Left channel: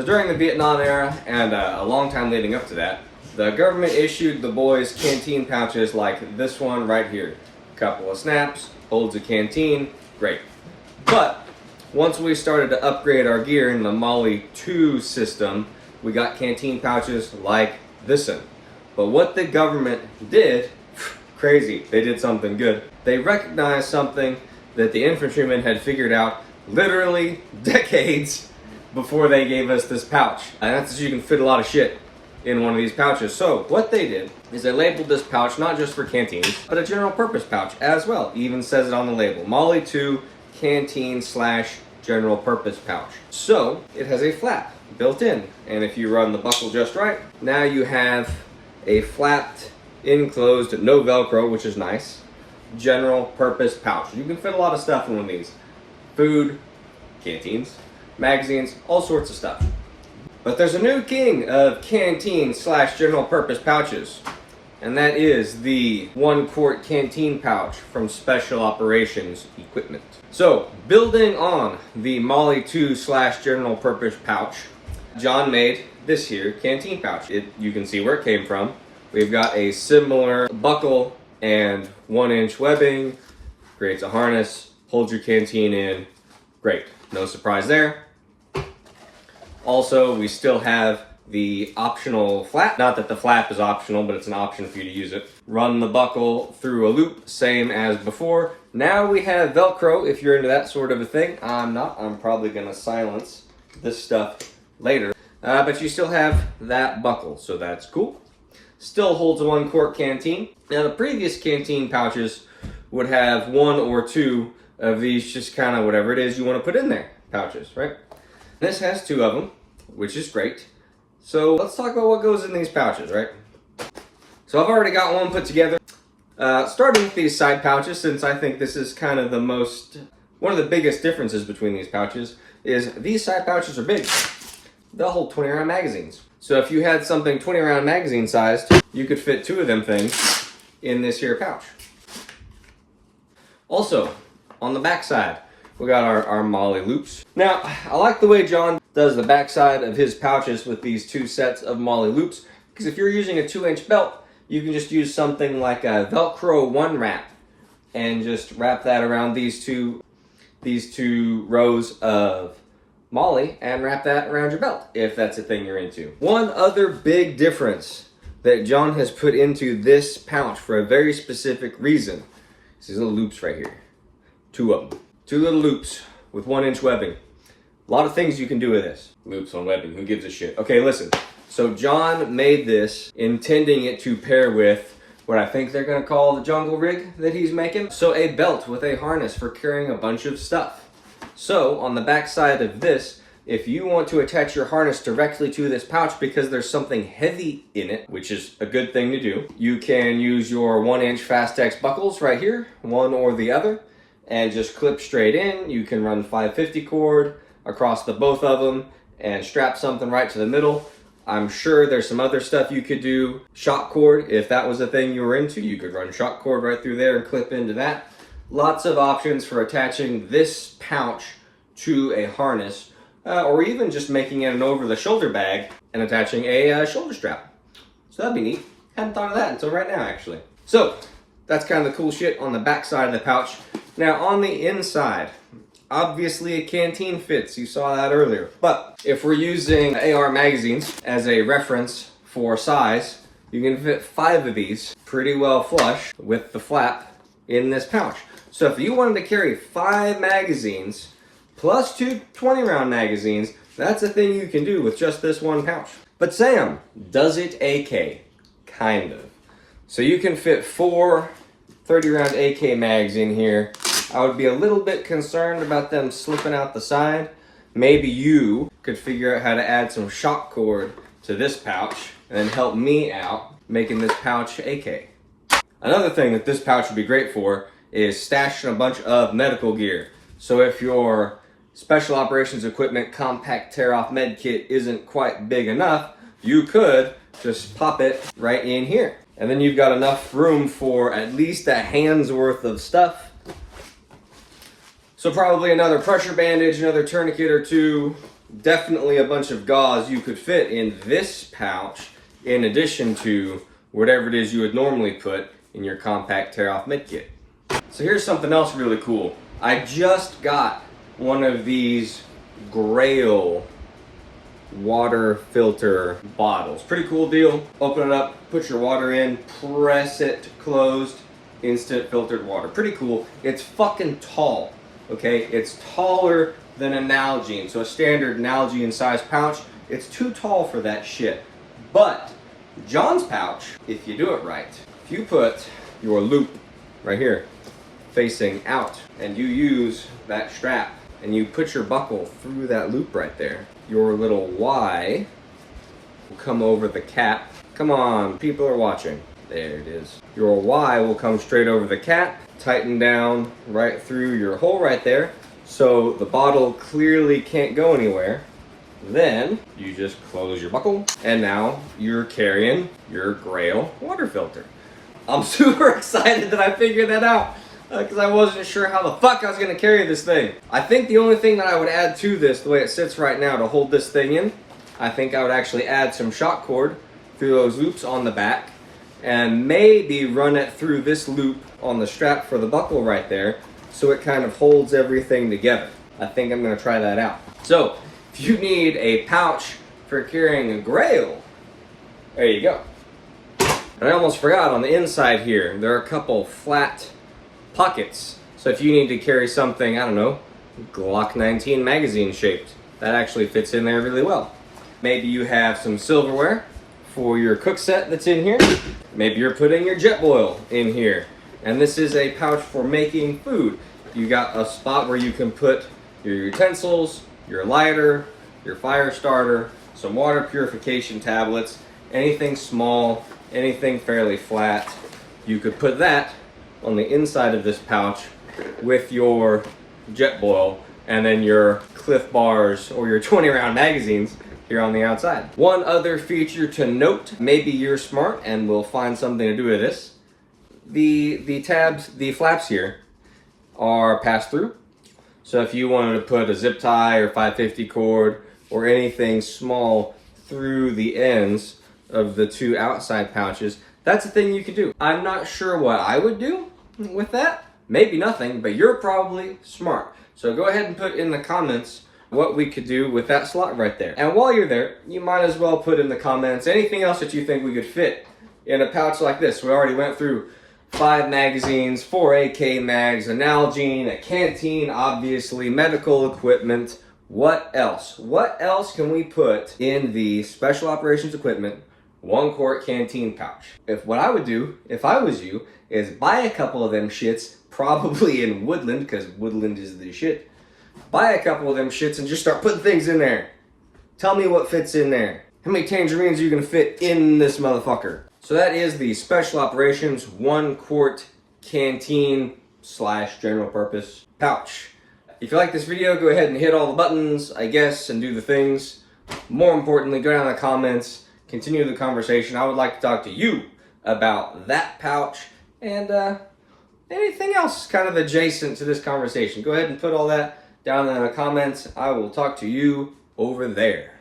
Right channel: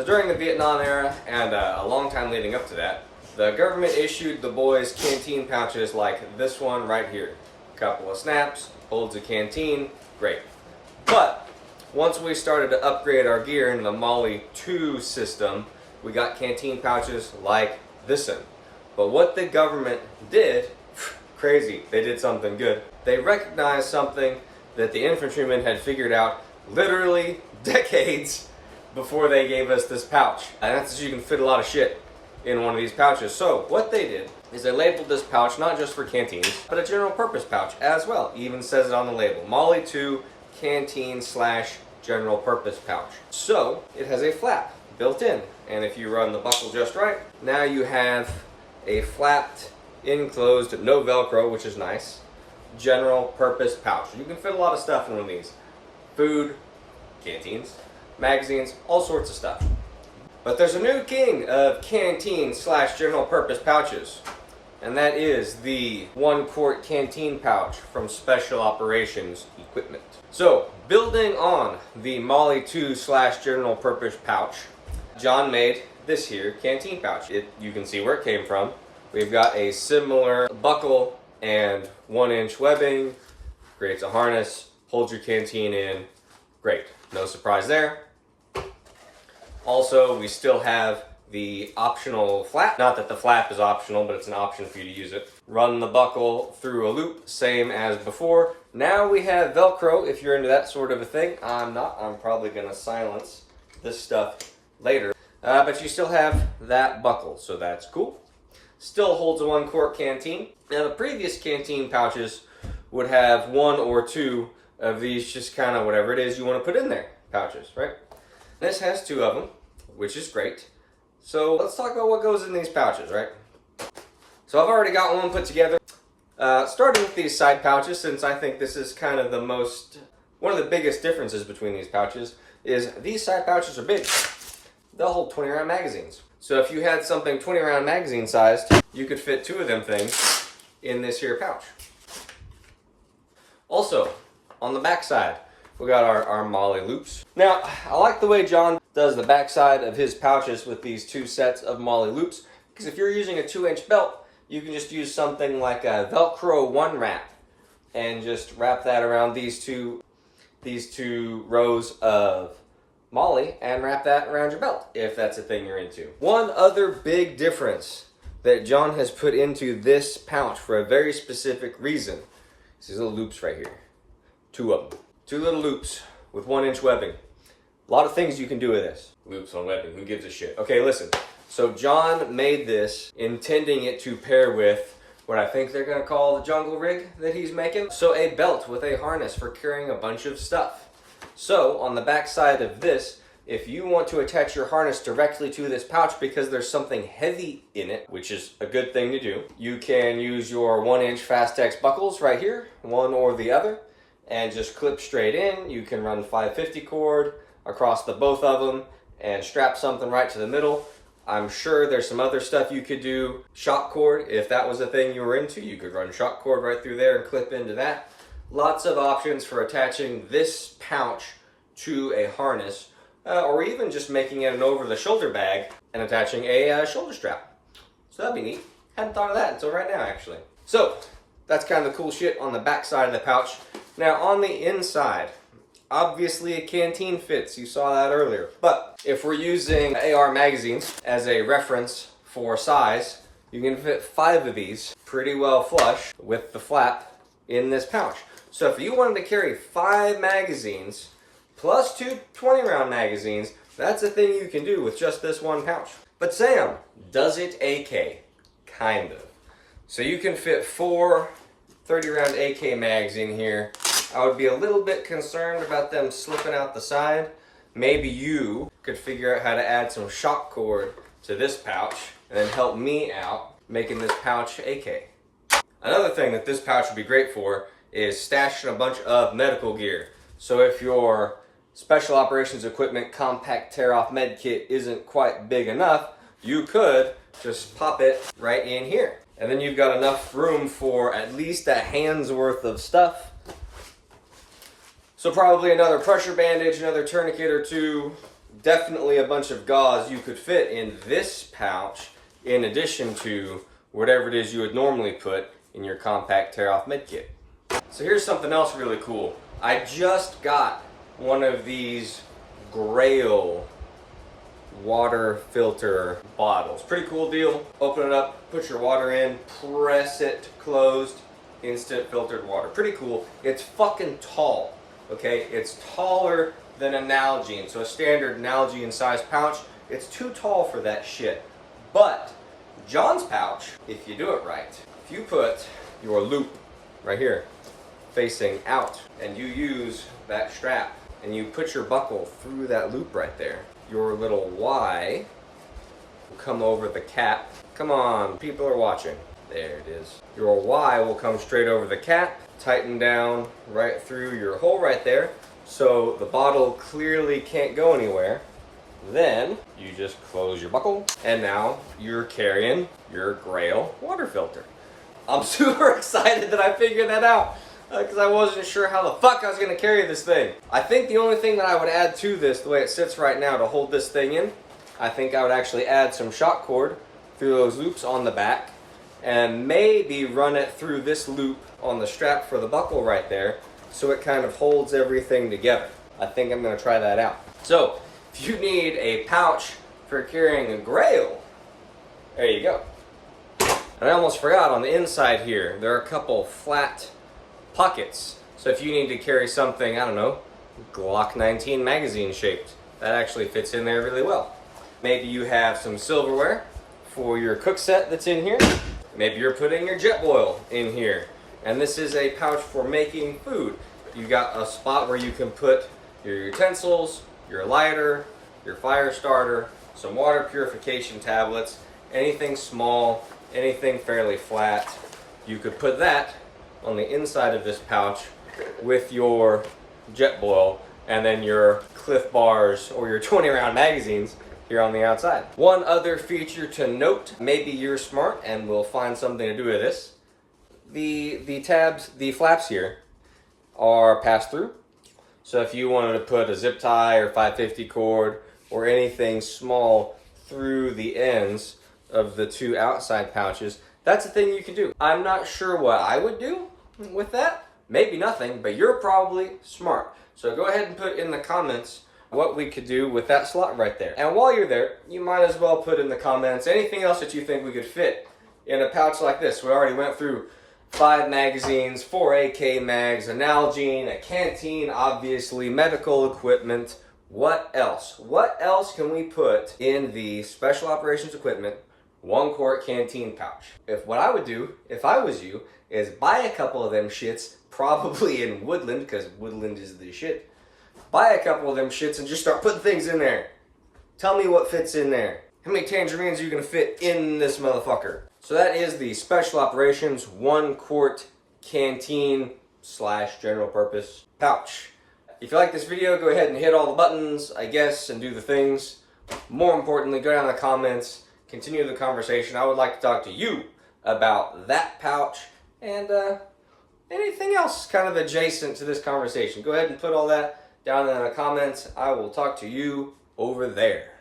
So during the Vietnam era and a long time leading up to that, the government issued the boys canteen pouches like this one right here. Couple of snaps, holds a canteen, great. But once we started to upgrade our gear in the Molly 2 system, we got canteen pouches like this one. But what the government did, crazy, they did something good. They recognized something that the infantrymen had figured out literally decades before they gave us this pouch. And that's that you can fit a lot of shit in one of these pouches. So what they did is they labeled this pouch not just for canteens, but a general purpose pouch as well. Even says it on the label, Molly 2 canteen / general purpose pouch. So it has a flap built in, and if you run the buckle just right, now you have a flapped, enclosed, no Velcro, which is nice, general purpose pouch. You can fit a lot of stuff in one of these. Food, canteens, magazines, all sorts of stuff. But there's a new king of canteen / general purpose pouches, and that is the 1-quart canteen pouch from Special Operations Equipment. So, building on the Molly 2 / general purpose pouch, John made this here canteen pouch. You can see where it came from. We've got a similar buckle and 1-inch webbing, creates a harness, holds your canteen in. Great, no surprise there. Also, we still have the optional flap. Not that the flap is optional, but it's an option for you to use it. Run the buckle through a loop, same as before. Now we have Velcro, if you're into that sort of a thing. I'm not. I'm probably gonna silence this stuff later. But you still have that buckle, so that's cool. Still holds a 1-quart canteen. Now the previous canteen pouches would have 1 or 2 of these, just kind of whatever it is you want to put in there, pouches, right? This has 2 of them, which is great. So let's talk about what goes in these pouches, right? So I've already got one put together. Starting with these side pouches, since I think this is kind of one of the biggest differences between these pouches, is these side pouches are big. They'll hold 20-round magazines. So if you had something 20-round magazine sized, you could fit 2 of them things in this here pouch. Also, on the back side, we got our Molly loops. Now, I like the way John does the back side of his pouches with these 2 sets of Molly loops, because if you're using a 2-inch belt, you can just use something like a Velcro 1 wrap and just wrap that around these two rows of Molly and wrap that around your belt, if that's a thing you're into. One other big difference that John has put into this pouch for a very specific reason is these little loops right here. 2 of them. 2 little loops with 1-inch webbing. A lot of things you can do with this. Loops on webbing, who gives a shit? Okay, listen. So John made this intending it to pair with what I think they're gonna call the jungle rig that he's making. So a belt with a harness for carrying a bunch of stuff. So on the back side of this, if you want to attach your harness directly to this pouch because there's something heavy in it, which is a good thing to do, you can use your 1-inch Fastex buckles right here, one or the other, and just clip straight in. You can run 550 cord across the both of them and strap something right to the middle. I'm sure there's some other stuff you could do. Shock cord, if that was a thing you were into, you could run shock cord right through there and clip into that. Lots of options for attaching this pouch to a harness, or even just making it an over-the-shoulder bag and attaching a shoulder strap. So that'd be neat. Hadn't thought of that until right now, actually. So that's kind of the cool shit on the back side of the pouch. Now on the inside, obviously a canteen fits, you saw that earlier. But if we're using AR magazines as a reference for size, you can fit 5 of these pretty well flush with the flap in this pouch. So if you wanted to carry 5 magazines plus 2 20-round magazines, that's a thing you can do with just this one pouch. But Sam, does it AK? Kind of. So you can fit 4 30-round AK mags in here. I would be a little bit concerned about them slipping out the side. Maybe you could figure out how to add some shock cord to this pouch and then help me out making this pouch AK. Another thing that this pouch would be great for is stashing a bunch of medical gear. So if your Special Operations Equipment compact tear-off med kit isn't quite big enough, you could just pop it right in here. And then you've got enough room for at least a hand's worth of stuff. So probably another pressure bandage, another tourniquet or 2, definitely a bunch of gauze you could fit in this pouch, in addition to whatever it is you would normally put in your compact tear-off med kit. So here's something else really cool. I just got one of these Grail water filter bottles. Pretty cool deal. Open it up, put your water in, press it closed, instant filtered water. Pretty cool. It's fucking tall, okay? It's taller than an Nalgene. So a standard Nalgene size pouch, it's too tall for that shit. But John's pouch, if you do it right, if you put your loop right here facing out and you use that strap and you put your buckle through that loop right there, your little Y will come over the cap. Come on, people are watching. There it is. Your Y will come straight over the cap, tighten down right through your hole right there, so the bottle clearly can't go anywhere. Then you just close your buckle, and now you're carrying your Grail water filter. I'm super excited that I figured that out, because I wasn't sure how the fuck I was going to carry this thing. I think the only thing that I would add to this, the way it sits right now to hold this thing in, I think I would actually add some shock cord through those loops on the back, and maybe run it through this loop on the strap for the buckle right there, so it kind of holds everything together. I think I'm going to try that out. So, if you need a pouch for carrying a Grail, there you go. And I almost forgot, on the inside here, there are a couple flat pockets. So if you need to carry something, I don't know, Glock 19 magazine shaped, that actually fits in there really well. Maybe you have some silverware for your cook set that's in here. Maybe you're putting your Jetboil in here. And this is a pouch for making food. You got a spot where you can put your utensils, your lighter, your fire starter, some water purification tablets, anything small, anything fairly flat. You could put that on the inside of this pouch with your Jetboil and then your Cliff Bars or your 20 round magazines here on the outside. One other feature to note, maybe you're smart and will find something to do with this. The tabs, the flaps here are pass-through. So if you wanted to put a zip tie or 550 cord or anything small through the ends of the two outside pouches, that's a thing you can do. I'm not sure what I would do with that. Maybe nothing, but you're probably smart. So go ahead and put in the comments what we could do with that slot right there. And while you're there, you might as well put in the comments anything else that you think we could fit in a pouch like this. We already went through 5 magazines, 4 AK mags, a Nalgene, a Canteen, obviously, medical equipment. What else? What else can we put in the special operations equipment 1 quart Canteen pouch? What I would do, if I was you, is buy a couple of them shits, probably in Woodland, because Woodland is the shit. Buy a couple of them shits and just start putting things in there. Tell me what fits in there. How many tangerines are you gonna fit in this motherfucker? So that is the special operations 1 quart Canteen / general purpose pouch. If you like this video, go ahead and hit all the buttons, I guess, and do the things. More importantly, go down in the comments, continue the conversation. I would like to talk to you about that pouch and anything else kind of adjacent to this conversation. Go ahead and put all that down in the comments. I will talk to you over there.